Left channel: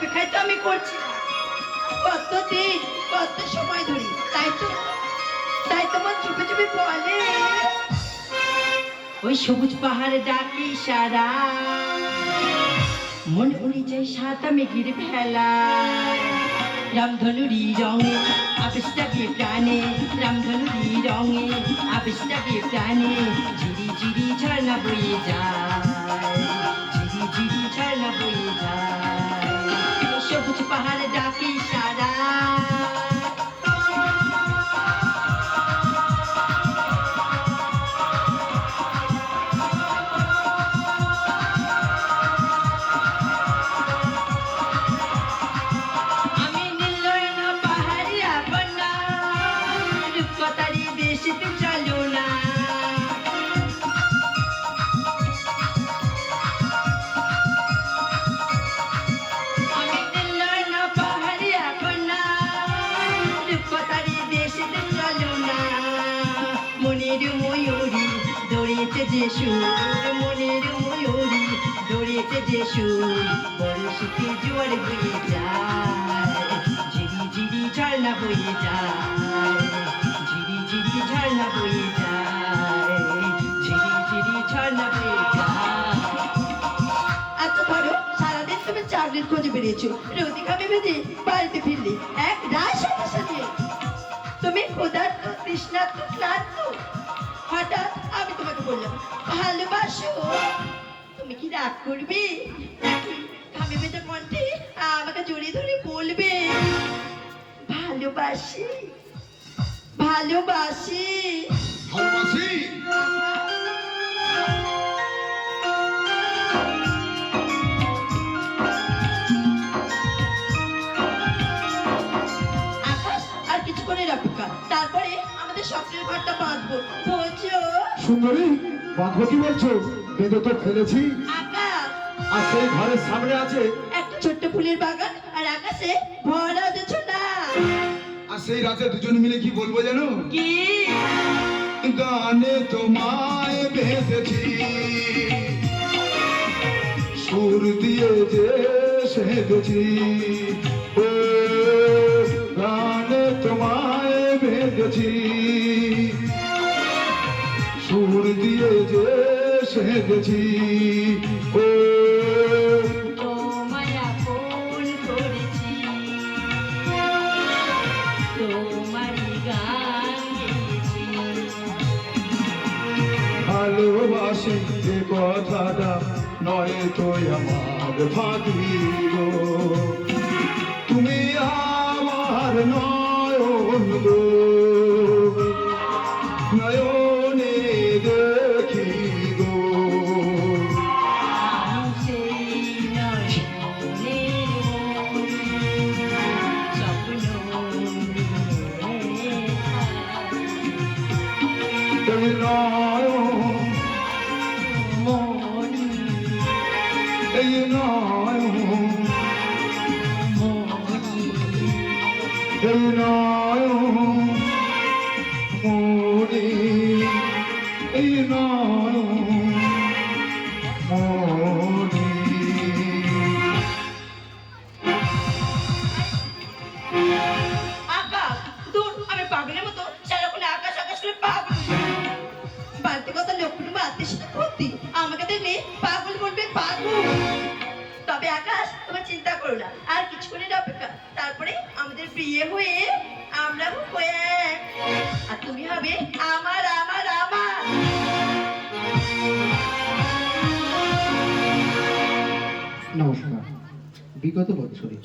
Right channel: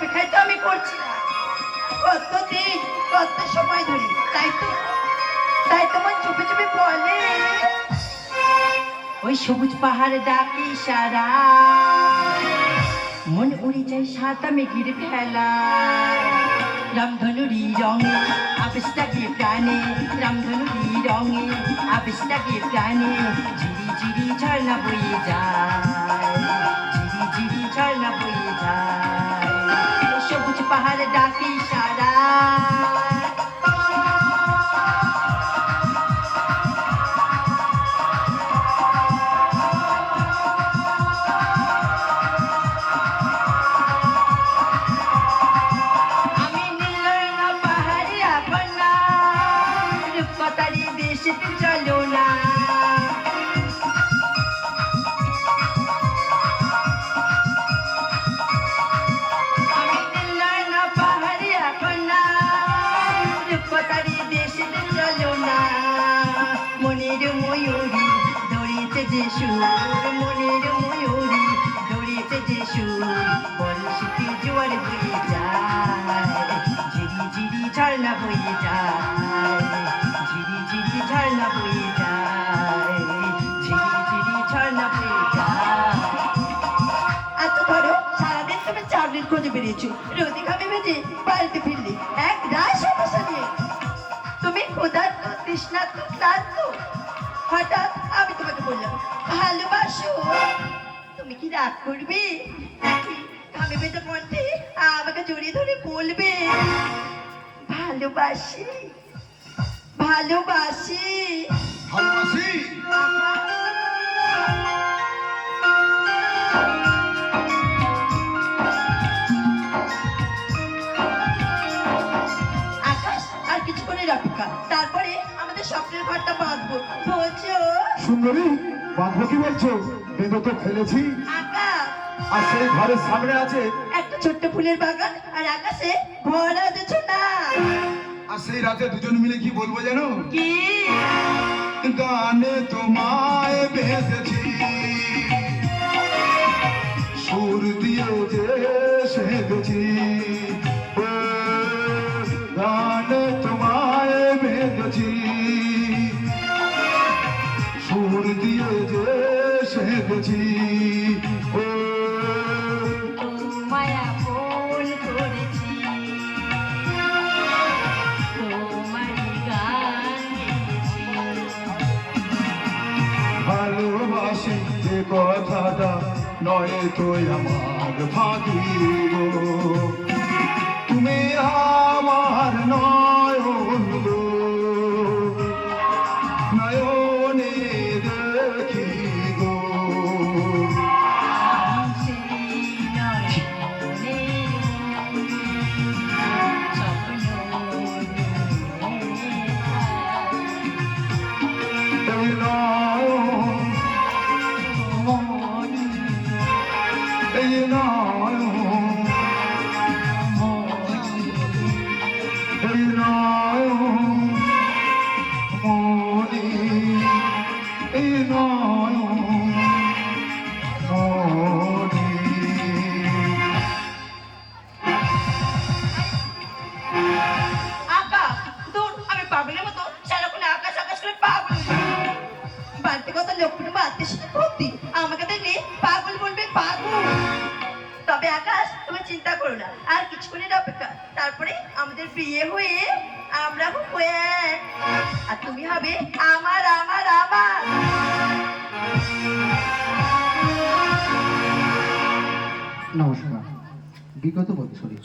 অপেক্ষায় তো আমি করছি না, কতদিন কত সময় ধরে। তাই তোমার চুপে চুপে বলে ওই সবুজ পাহাড় ডাকি সারা, মন উড়ে যায় সাদা মেঘের ভেলায়। রামধনুরি রঙে আবেশটাকে প্রাণে, রামধনুরি রঙে আবেশটাকে প্রাণে, ঝিরি ঝিরি ঝর্ণা বয়ে যায়, ঝিরি ঝিরি ঝর্ণা বয়ে যায়। সবুজ পাহাড় ডাকি সারা। মনের ময়ূরী দড়িয়েছে যে সুর, মনের ময়ূরী দড়িয়েছে যে সুর, বর্ষিতে জোয়ার বয়ে যায়, ঝিরি ঝিরি ঝর্ণা বয়ে যায়, ঝিরি ঝিরি ঝর্ণা বয়ে যায়, ঝিরি ঝিরি ঝর্ণা বয়ে যায়। আচ্ছা ধরো সারাদিন তুমি চাকরির খোঁজে বেরিয়েছো, রোদি খাবে বেঁচে বাড়িতে ফিরলি এক রায় সমস্যা নিয়ে, তুমি ক্ষুধার্ত তৃষ্ণার্ত ক্লান্ত, হঠাৎ আমি তোমাকে বললাম ভালোবাসো, তুমি কি রাগ করবে নাকি ঘামে ভেজা কণ্ঠে আমাকে জড়িয়ে ধরে বলবে ভালোবাসি ভালোবাসি ভালোবাসি? আকাশ আর কিছুক্ষণের অপেক্ষা, তারপরে আমাদের স্বপ্নের ঘরটা বাঁধবো, বোঝো? সুন্দরী, বাঁধবো কি বলছো? বেঁধে তো ফেলেছি। আকাশ আর সেই ঘরের সামনে আছে একটা ছোট্ট ফুলের বাগান, আর আকাশে ভরা না আর সেই রাতে দুজন মিলে কি বলবো জানো? কি গানে তোমায় বেঁধেছি, সুর দিয়ে যে সেঁধেছি, ও গানে তোমায় বেঁধেছি, সুর দিয়ে যে সেঁধেছি, ও তোমায় আপন করেছি, তোমারই গান গেয়েছি। ভালোবাসি এ কথাটা নয় তো আমার ভাগিব, তুমি আমার নয়ন গো, নয়নে দেখি গো, আমি সেই নয়নের মণি, স্বপ্ন নিয়ে থাকি। এই নয়ন, মণি এই নয়ন, মণি এই নয়ন মনি, এই নয়ন মনি। আকাশ দূর, আমি পাগলের মতো সারাক্ষণ আকাশ আকাশ করে পাগল বাড়িতে কত লোকগুলো বাড়তে সেটা ভর্তি, আমাকে দেখলে পাগল বলবে পাগল। তবে আকাশ তোমার চিন্তা করো না, আর কিছুক্ষণের অপেক্ষা, তারপরে আমাদের বিয়ে হয়ে আমরা হবো এক, আর তুমি হবে আমার আমার আমার। নমস্কার। বিগত বছরে